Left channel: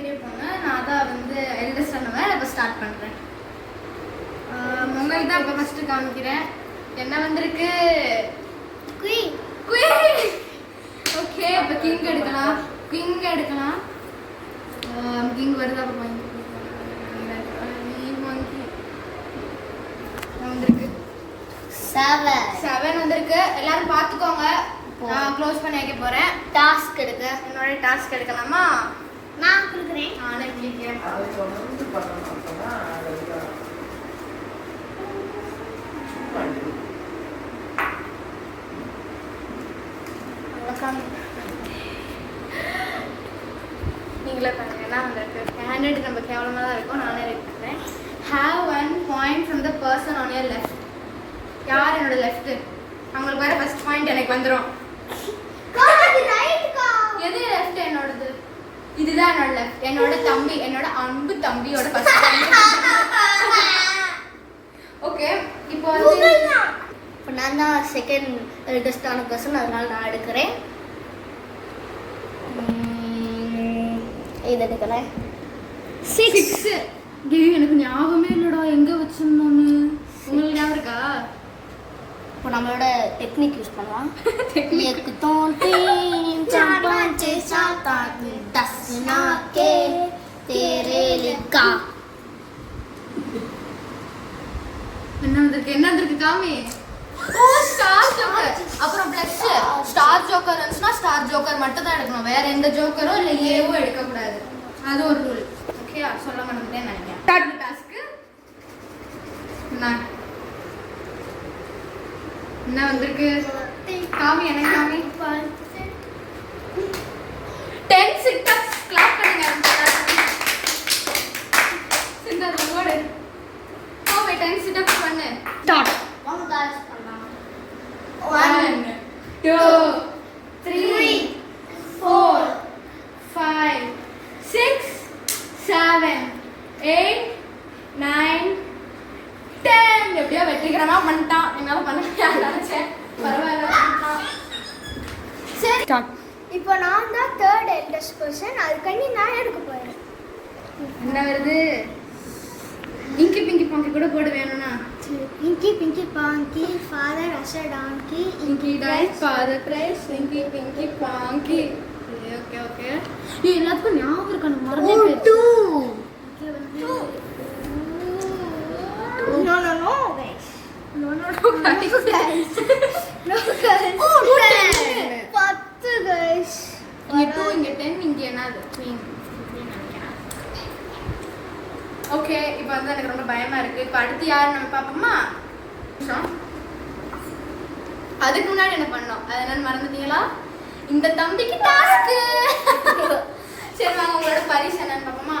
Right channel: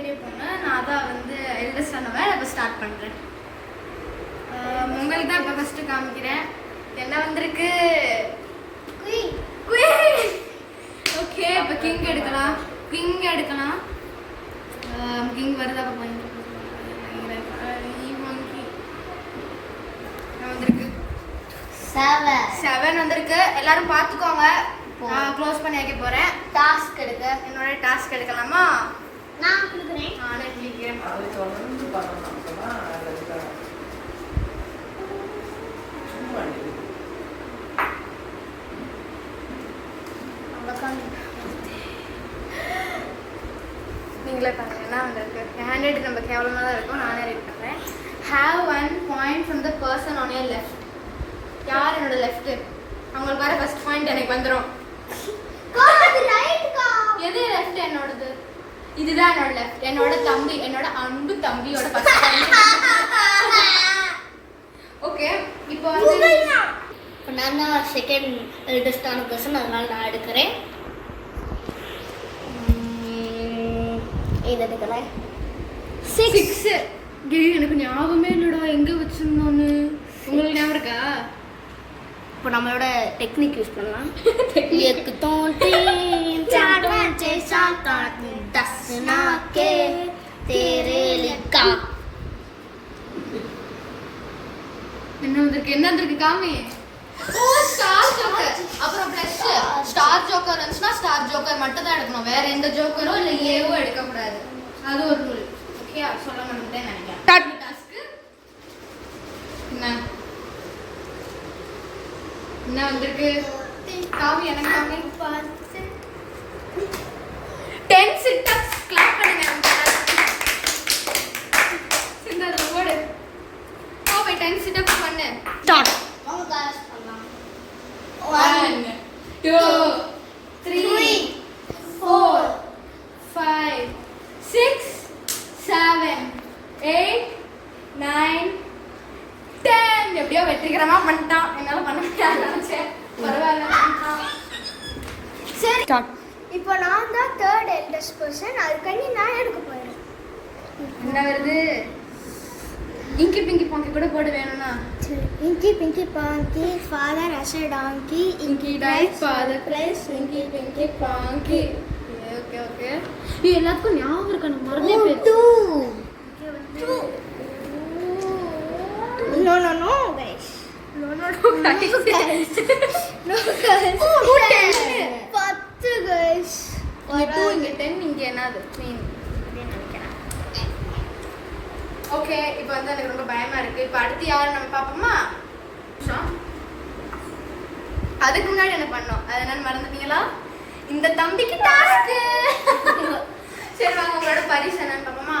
பெரிய பொண்ணு, நான் தான் வந்து எல்டஸ்ட் ஆனவன். இப்போ ஸ்டார்ட் பண்ணுறேன். உங்களுக்கு தான் இப்போ ஃபஸ்ட்டு காமிக்கிறேன். என்ன வந்திருக்கு? குயின். ஓகே, இப்போ கிங் எடுக்கலாம். கிங் வருதா பார்ப்போம். வந்திருக்கு 7 வந்திருக்கு. எல்லாரும் பார்த்துக்கோங்க. நான் க்ளோஸ் பண்ணி வைக்க போகிறேன். டாஸ்க் எடுக்க என்னோட டாஸ்க் எடுக்கலாமா? நான் கொடுக்குறேன். நானே கேட்குறேன். நீங்களே பாருங்க. என்ன வந்திருக்கு? ஹேண்ட் ரைட்டிங் நம்ம கேவலமாக தான் இருக்கும். நானே ரீட் பண்ணுறேன். Have 1 point from the person on your left. யார் என்னோட லெஃப்ட்? அவங்களுக்கு வர ஃபர்ஸ்ட் பாயிண்ட் எனக்கு வந்துரும். எது லெஃப்ட்? என்னோடது. இதுதான் என்னோட லெஃப்ட். என்னோட தம்பி, என்னோட அன்பு தம்பியோட ஃபர்ஸ்ட் பாயிண்ட். ஓகே, இப்போ வந்து இப்போ நான் தான் செகண்ட் எல்டஸ்டான பர்சன், அதனால நான் எடுக்கிறேன். இது எடுக்கிறேன். 6. எனக்கு ஞாபகமே இல்லடா எங்க வச்சிருந்தோன்னு. உங்களுக்கு ஞாபகம் இருக்கா? இப்போ நம்மளோட டெக்னிக் யூஸ் பண்ணலாம். என்ன வந்திருக்கு காமி? Star joker. அப்புறம் பிளஸ் ஸ்டார் ஜோக்கர் இருந்துச்சுன்னா ஸ்டார் ஜோக்கர் மட்டும் தான் எடுக்கணும். வேற எந்த ஜோக்கரோ இல்லை ஏவோ எடுக்கக்கூடாது. அது ஒரு ரூல். ஓகே, சொல்ல மாட்டேன் நினைக்கிறேன். டாஸ்க்கு என்ன வந்திருக்கு காமி? எனக்கு காமி 10 சிட்டப்ஸ். கிளாப் பண்ணுங்க. சிந்தாத ஓடு. ஓகே, 10 சிட்டப்ஸ் பண்ணு. ஸ்டார்ட். 1 2 3 4 5 6 7 8 9 10. எப்படியோ வெற்றிகரமா பண்ணிட்டான். என்னால பண்ண முடியாது நினைச்சேன். பரவாயில்ல. சரி, இப்போ நான் தான் தேர்ட் எல்டஸ்ட் பர்சன். அதுக்காண்டி நான் எடுக்க போறேன். என்ன வருது? இங்கி பிங்கி பாங்கி கூட போட வேணும்னா இங்கி பிங்கி பாங்கி ஃபாதர் அசர் டாங்கி இங்கி டைஸ் ஃபாதர் கிரைஸ் இங்கி பிங்கி பாங்கி. ஓகே ஓகே, இது எல்லாத்துக்கும் ஞாபகம் இருக்கு. எனக்கு மறந்தே போயிடுச்சு. ஓகே வந்து No guys. No guys. No guys. 10 guys. இங்க 2 இங்க 10 இங்க என்னது மீன் அப்படின்னு நினைக்கிறேன். ஓகே, இப்போ வந்து எனக்கு ரொம்ப பயமா இருக்கு. இப்போ அடுத்து யார் நம்ம பாப்போமா? அதுக்கு முன்னாடி என்ன பண்ணோம்? அது என்னன்னு மறந்துட்டீங்களா? இந்த தம்பிக்கு டாஸ்க். சரி வாங்க, உங்களோட பரிசு என்னன்னு பாப்போமா?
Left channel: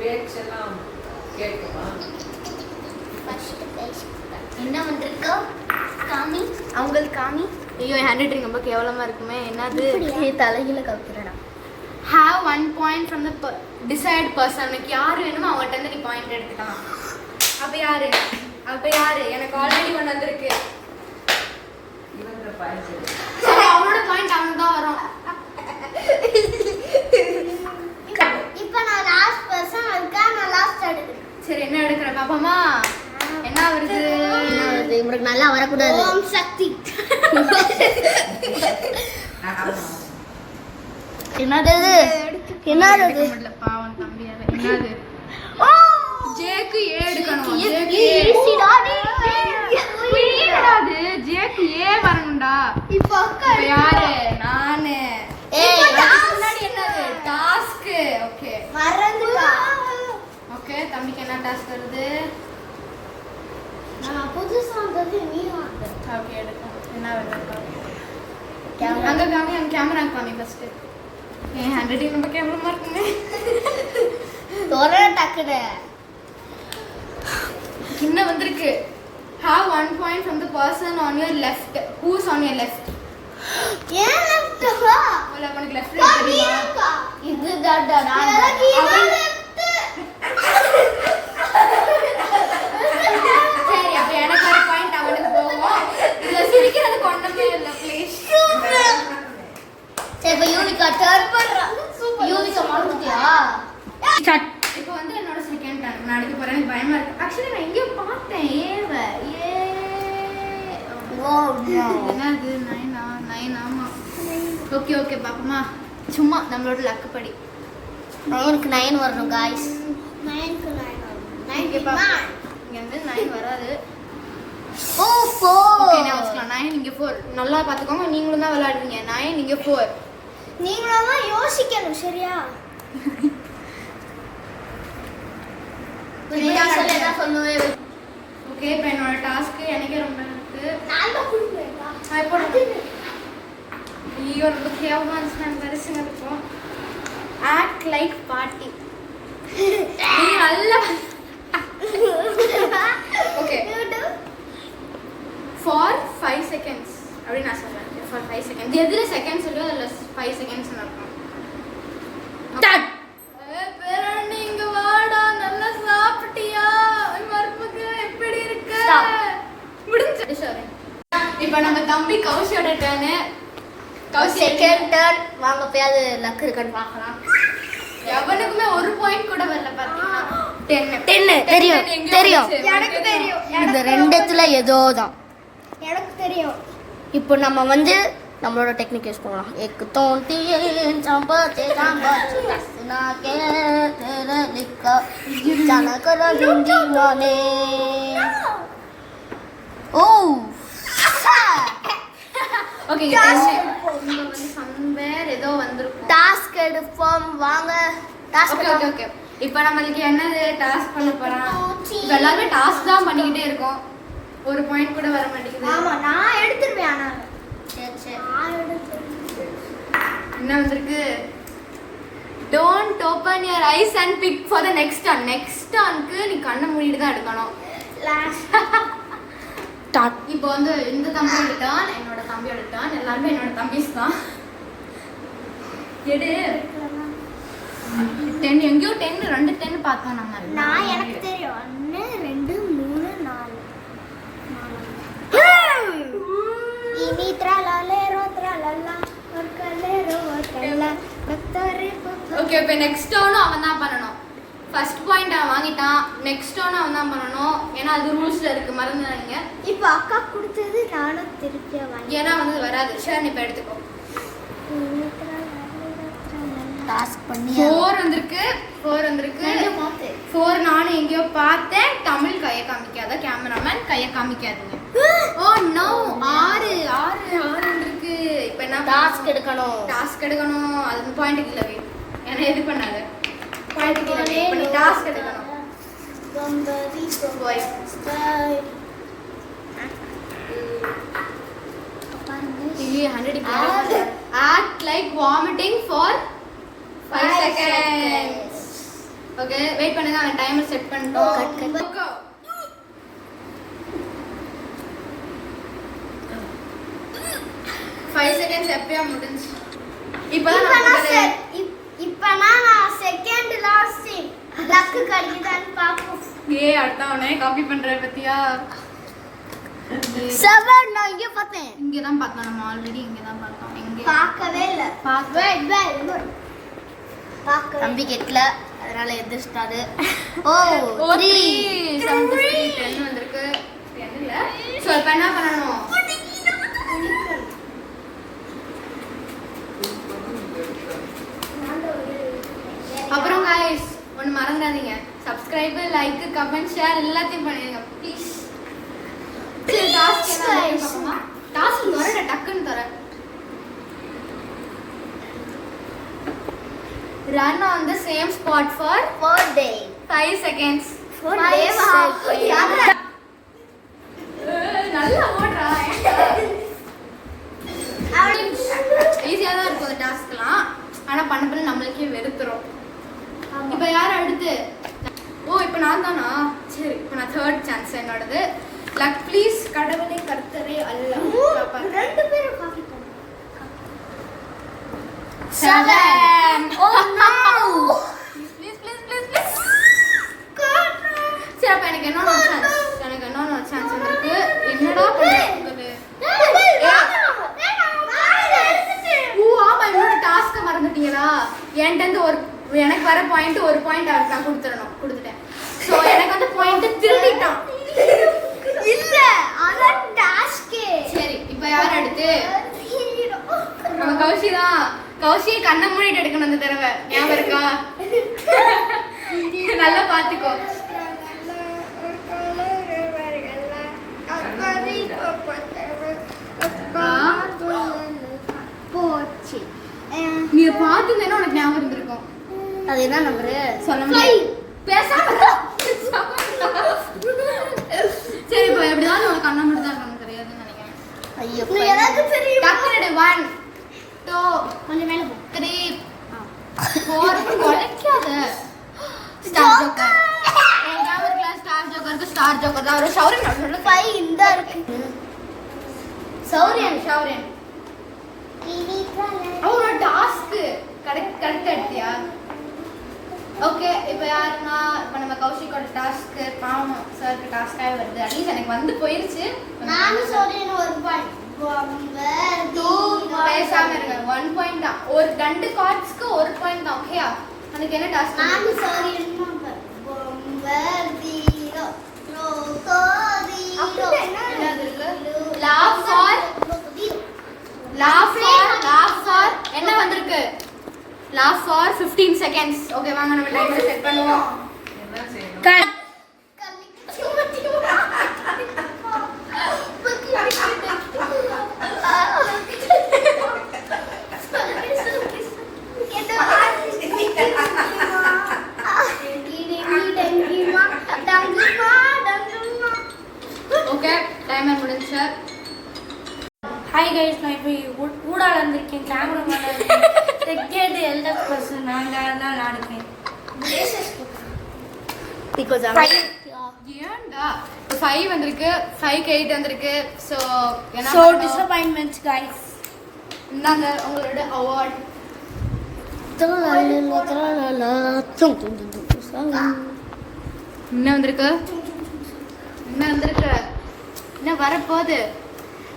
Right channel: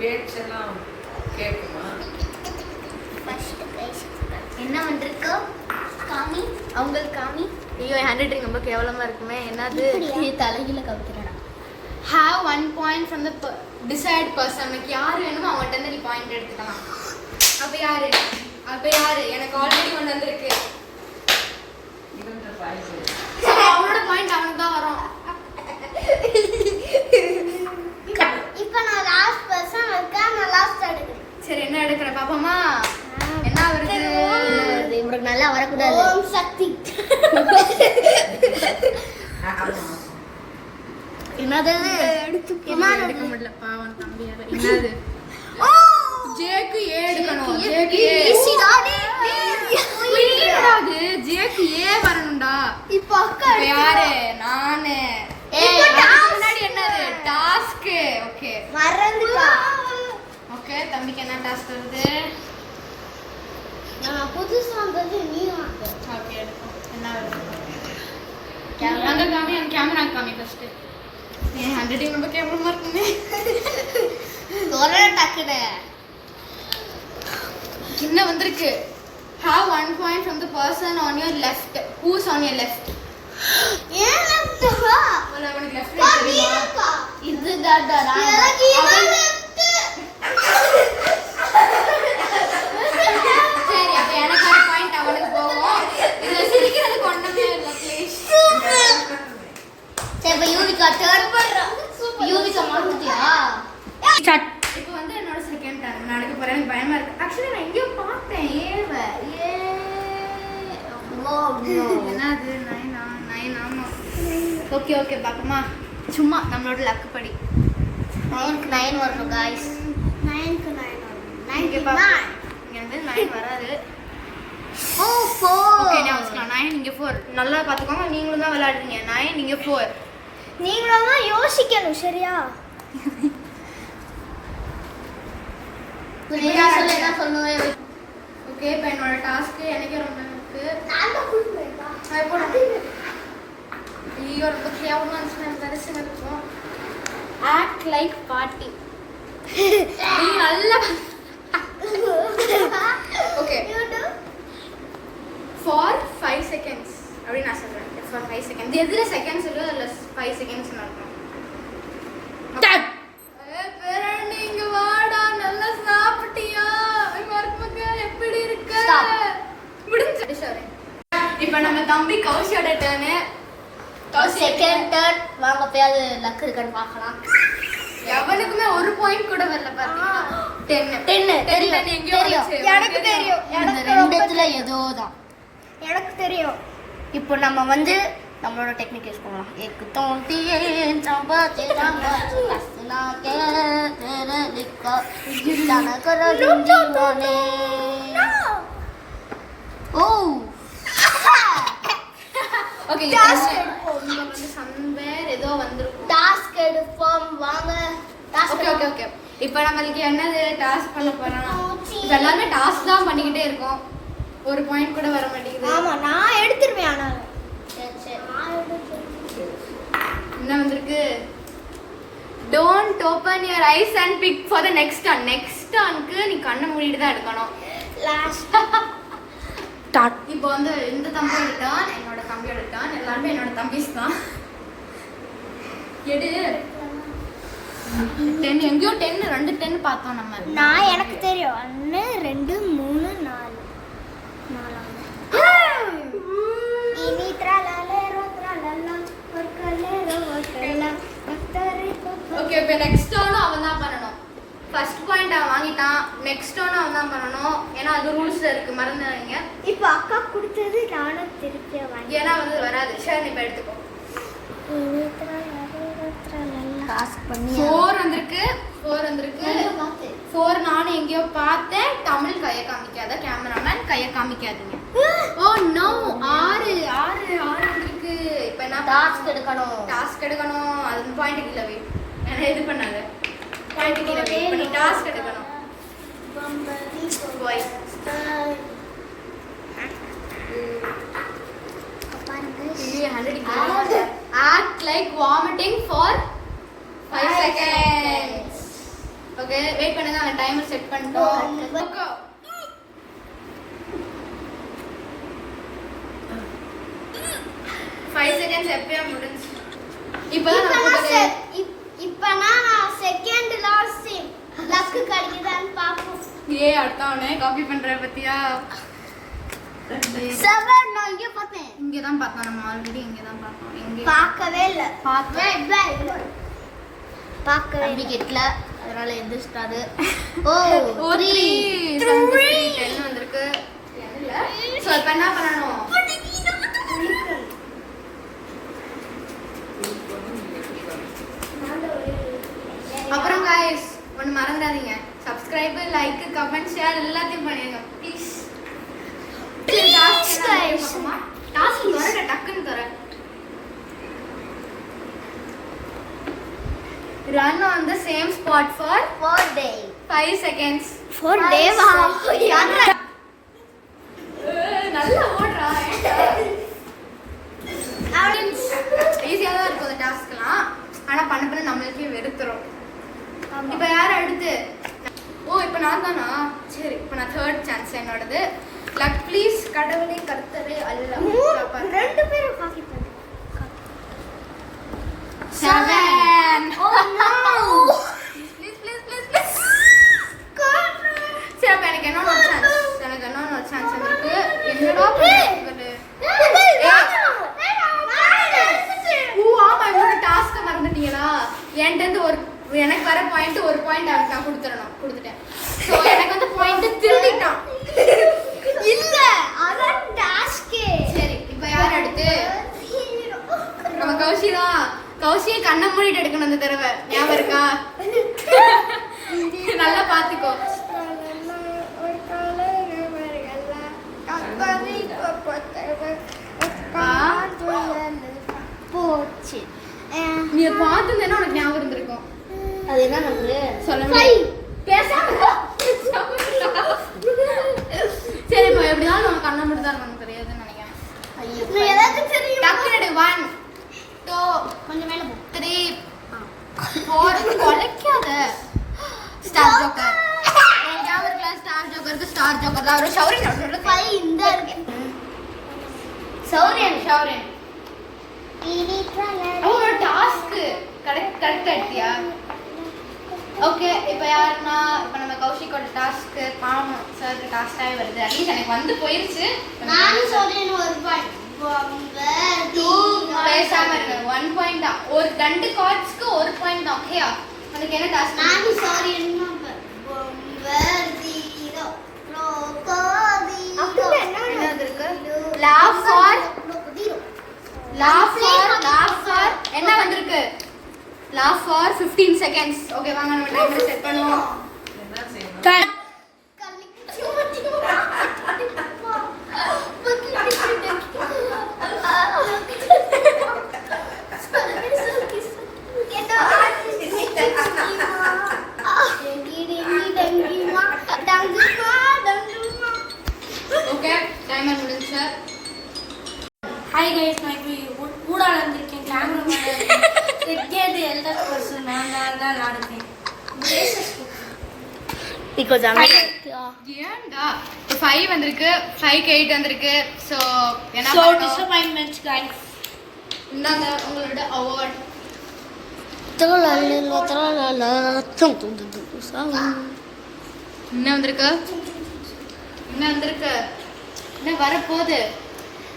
பேச்செல்லாம் கேட்குமா? என்ன வந்திருக்கு காமி? அவங்களுக்கு காமி. ஐயோ, ஹேண்ட் ரைட்டிங் ரொம்ப கேவலமா இருக்குமே. என்னது? நீ தலையில கவுத்துறடா. Have 1 point from the desired person. உனக்கு யார் வேணுமோ அவங்கள்ட்ட இருந்து நீ பாயிண்ட் எடுத்துக்கலாம். அப்ப யாரு? எனக்கு ஆல்ரெடி ஒன்று வந்திருக்கு. அவனோட பாயிண்ட் அவனுக்கு தான் வரும். இப்போ நான் லாஸ்ட் பர்சன். அதுக்காக நான் லாஸ்ட் எடுக்கிறேன். சரி, என்ன எடுக்கிற பாப்போமா? என்ன வருது? இவனுக்கு நல்லா வரக்கூடாது. ஓம் சக்தி. என்னது? எடுக்க முடியல பாவம் தம்பியால. என்னது? ஜேக்கு ஏ எடுக்கணும். ஜேக்கு ஏ அது ஜேக்கு ஏ வரணும்டா. இப்போ யாரு? நானு. அதுக்கு முன்னாடி என்னது? டாஸ்க். ஓகே மறந்துட்டா. ஓகே, தம்பிக்கு என்ன டாஸ்க் வருது? நான் புதுசா வந்து நீ வாங்க. ஓகே, எடுக்கும். என்ன வருது? அங்க காமி, அங்க கேமரா காமி ஃபர்ஸ்ட். ஏன் ஹேண்ட் ரைட்டிங் ரொம்ப கேவலமா இருக்குமே. ஒரே டக்குனு என்ன வந்திருக்கு? Have 1 point from the person on your left. Who's on your left? ஏன் லெஃப்ட் வா? உனக்கு லெஃப்ட் ரைட் தெரியுமா? இதுதான் நான். சரி, அப்ப எனக்கு ஒரு பாயிண்ட் அவனுக்கு போகும். இதுல சிரிக்கிறதுக்கு ஒண்ணுமே இல்ல ப்ளீஸ். சரி, இப்போ யூனிகா யூவிகா டர்ன் பண்றா. யூவிகா மாத்திட்டியா? ஸ்டார்ட். இப்போ வந்து என்னோட செகண்ட் டர்ன் நான் எடுக்க போறேன். எனக்கு பயமா இருக்கு. ஆக்சுவலி நான் எங்கேயோ பார்த்தேன். என்னது 9 ஆமா. ஓகே பாப்பமா. சும்மா நம்மளோட லக்கு படி 9க்கு 9 வரணும் गाइस. 9க்கு 9 வரும். இங்க பாப்பா. இங்க வந்து 9 வராது. ஓ 4. ஓகே நான் வச்சுக்கலாம். 9 இங்க 4. நல்லா பாத்துக்கோங்க. நீங்களும் தான் விளையாடுறீங்க. 9 இங்க 4. நீங்களும் தான் யோசிக்கணும் சரியா? என்ன சொல்லுவேன்? ஓகே இப்போ என்னோட டாஸ்க் எனக்கே ரொம்ப இருக்கு. நான் தான் குடுப்பேன்டா. இப்போ ஐயோ ரொம்ப கேவலமா இருந்துச்சுன்னா எனக்கு பரிசுங்க இருக்கும். Act like party. நீங்க நல்லா ஓகே ஃபார் 5 செகண்ட்ஸ் அப்படி நான் சொல்றேன். ஃபார் 5 செகண்ட்ஸ் எதுல செகண்ட்ஸ் இல்ல இல்ல 5 செகண்ட்ஸ் நடக்கும். ஸ்டார்ட். நீங்க வாடா நல்லா சாப்பிட்டியா? மருமக எப்படி இருக்க? முடிஞ்சு சாரி. இப்போ நம்ம தம்பி கௌஷியோட டர்ன். Second turn. வாங்க போய் அது லக் இருக்கான்னு பார்க்கலாம். எவனுக்குமே ஒரு பாயிண்ட் கூட வரல பாத்தீங்கன்னா 10 தெரியும். எனக்கு தெரியும். இந்த ரெண்டுத்துல ஏதோ தான். எனக்கு தெரியும். இப்போ நம்ம வந்து நம்மளோட டெக்னிக் யூஸ் பண்ணலாம். एक तो तीन चंपते चंपते हंसना के तेरे लिखा जाना करो लुंगी माने. ओ ஓகே இது சம்வேர் ஏதோ வந்திருக்கும். டாஸ்க் எடுப்போம் வாங்க. டாஸ்க் ஓகே இப்போ நம்மளுக்கு என்னது டாஸ்க் பண்ண போறோம். இப்போ எல்லாரும் டாஸ்க் தான் பண்ணிக்கிட்டே இருக்கோம். ஒரு பாயிண்ட் கூட வர மாட்டேங்குது. ஆமா நான் எடுத்துருவேன். ஆனா சரி நான் எடுத்துருவேன். என்ன வந்திருக்கு? Don't open your eyes and pick for the next turn. Next turnக்கு நீ கண்ணை மூடிட்டு தான் எடுக்கணும். Last start. இப்போ வந்து இந்த தம்பி எடுத்தான், என்னோட தம்பி எடுத்தான். எல்லாருமே என்னோட தம்பிஸ் தான். எடு 10 எங்கேயோ 10 2 10 பார்த்தோம் நம்ம. நான் எனக்கு தெரியும். 1 2 3 4 இனி த்ராலலேரோ த்ராலலா ஒரு கலேரோ ஒரு கல்லா பக்தரே ஓகே இப்போ நெக்ஸ்ட் டர்னும் அவன் தான் பண்ணணும். ஃபர்ஸ்ட் பாயிண்ட் அவன் வாங்கிட்டான். நெக்ஸ்ட் டர்ன் அவன் தான் பண்ணணும். ஏன்னா அது ரூல்ஸ்ல இருக்கு, மறந்துடாதீங்க. இப்போ அக்கா கொடுத்தது நானும் திருப்பி வாங்கி ஏன்னா வந்து வராது. ஷேர் இப்போ எடுத்துக்கோ. டாஸ்க் பண்ணி 4 வந்திருக்கு. 4 நானும் எங்கேயோ பார்த்தேன். தமிழ் கையை காமிக்காத கேமராமேன், கையை காமிக்காதீங்க. ஓ நோ 6 வந்திருக்கு. இப்போ என்ன டாஸ்க் எடுக்கணும். டாஸ்க் எடுக்கணும். அது பாயிண்ட் இல்லவே என்ன இது பண்ணாத. டாஸ்க் எடுக்கணும். Boy act like vomiting for 5 seconds. Okay wait பண்ணுங்க. அந்த டைமர் செட் பண்ணிட்டோம். Go. 5 seconds எப்பயா முடிஞ்சு. இப்போ நான் செகண்ட் லாஸ்ட் லக்கு கிடைக்குதான்னு பாப்போம். ஏய் அடுத்தவனே காப்பி பண்ற பத்தியா? 7 நான் இங்க பார்த்தேன். இங்க தான் பார்த்தோம். நம்ம ஆல்ரெடி இங்க தான் பார்த்தோம். இங்க பார்க்கவே இல்ல. பார்த்தோம். பார்க்கவே தம்பி கேட்கல, அதனால எதிர்ஸ்டாரு. ஓ 3 10 வந்திருக்கு. என்ன இல்ல. சோ இப்போ என்ன பண்ணனும்? அப்புறம் गाइस ஒன்னு மறந்துடாதீங்க. சப்ஸ்கிரைப், லைக், கமெண்ட், ஷேர் எல்லாத்தையும் பண்ணுங்க ப்ளீஸ். டாஸ்க் வரட டக்குன்னு தரேன். Run on the same spot for 4 days. 5 seconds. 4 days. நல்லா ஓடுறா. ஈஸியா தான் இருக்கும் அந்த டாஸ்க்லாம். ஆனா பண்ண நம்மளுக்கே வெறுத்துரும். இப்போ யார் அடுத்து? ஓ இப்போ நான் தானா? சரி இப்போ நான் தேர்ட் சான்ஸ் என்னோடது. Luck please. கடவுளே கர்த்தரே அல்லாஹ். ரெண்டு பேரும் காப்பி பண்ணுங்க. 7. Oh no. ப்ளீஸ் சரி அப்போ எனக்கு இன்னொன்று சான்ஸ் இருக்கு. என்னடா பண்ணுறது? ஓ ஆமா என்னோட டாஸ்க்கை மறந்து மாட்டீங்களா? என்கிட்ட இருந்து எனக்கு வர பாயிண்ட் ஒரு பாயிண்ட் அவருக்கு நான் கொடுத்துட்டேன். ஸோ எனக்கு வந்து பாயிண்ட் திருடிட்டான். இல்ல அதான் டாஸ்கே. சரி இப்போ யார் அடுத்து? நம்ம கௌஷி தான். கௌஷியை கண்ணை மூடிட்டு எடுக்கணும் இந்த தடவை. ஞாபகம் இருக்கா? நல்லா பாத்துக்கோ. போச்சு. நீ பார்த்துருந்தேன்னா உனக்கு ஞாபகம் இருந்திருக்கும். அது என்ன நம்பரு? சொல்ல பேசாம சரி இப்போ எப்படிதான் உனக்கு கண்ணை மூடி தான் இருக்காங்க தெரியாதுன்னு நினைக்கிறேன். ஐயோ நீ எனக்கு தெரியும். டக்குனு 1 2 கொஞ்சம் மேல போ. 3 4 கொலைக்காத. Star joker. ஞாபகம் கிளாஸ் ஸ்டார் ஜோக்கருக்கு ஸ்டார் ஜோக்கர் தான் ஒரு ஷவுரின் சொல்றது. 5 இந்த இருக்கு. ஷவுரின் அவனோட டாஸ்க் கரெக்ட் எடுத்தியா? ஓகே இப்போ யாருன்னா இப்போ நம்ம கௌஷிக்கோட டாஸ்க் பாவம் சாருக்கு டாஸ்காகவே வருது. அட்லீஸ்ட் எனக்கு வந்து போயிருச்சு. நானும் சொல்றேன் ஒரு பாயிண்ட். பேசாம இருங்க. 1 பாயிண்ட் தான். ஒரு 2 கார்ட்ஸ்க்கு 1 பாயிண்ட் தான். ஓகேயா? உனக்கு என்ன டாஸ்க்? நானும் சொல்றேன் நம்பர். பொம்பர் ஜீரோ ரோகோ என்னது இருக்கு? laugh for என்ன வந்திருக்கு? laugh for 15 seconds. ஓகே வாங்க நம்ம டைமர் செட் பண்ணுவோம். கட். ஓகே டைமர் முடிஞ்சு. ஹாய் கைஸ், நான் இப்போ ஊடால இருந்திருக்கேன். கேமராமேன் செகண்ட் எல்டர் பர்சன் நாங்கள் தான் விளாடுறேன். பிகாஸ் ஏன்டா 5 வந்திருக்கு, 5க்கு 8 வந்திருக்கு. ஸோ என்ன ஸோ பண்ணோம்? Disappointments guys. இந்தாங்க உங்களோட அவார்ட். என்ன வந்திருக்கு? என்ன வரப்போகுது?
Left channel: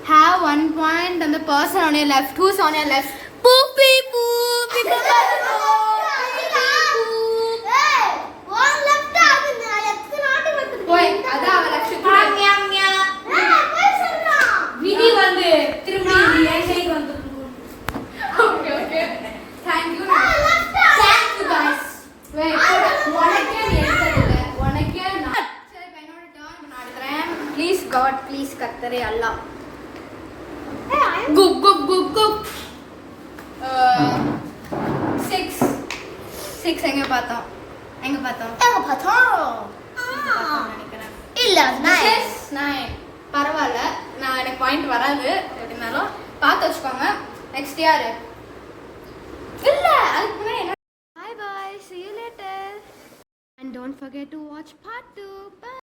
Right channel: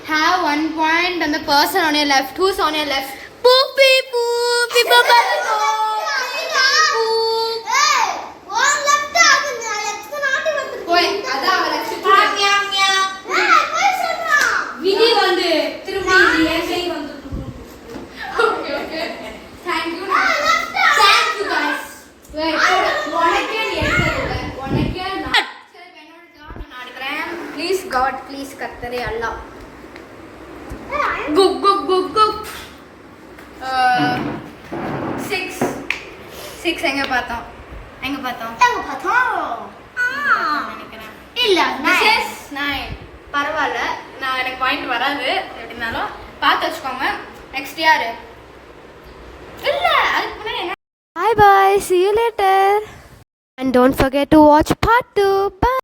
Have 1 point and the person on your left. Who's on your left? பூப்பி பூப்பி Baba. போய் அதான் அவ left. விதி வந்து திரும்பி என் சைடு வந்துருக்கு. Okay, okay. Thank you. Thank you guys. Wait. உனக்கே நீ எடுத்தது. உனக்கே நான். சரி இப்போ என்னோட turn நான் எடுக்கிறேன். Please God, please கர்த்தரே அல்லாஹ். குப் குப் குப் குப். 6 எங்க பார்த்தோம்? நினைக்கிறேன். இல்ல This is 9. பரவாயில்ல, நான் எனக்கு பாயிண்ட் வராது எப்படினாலும் பார்த்து வச்சுக்கோங்க. நெக்ஸ்ட் யாரு? இல்ல அதுக்கு முன்னாடி என்ன? Bye bye, see you later and don't forget to watch part 2. Bye.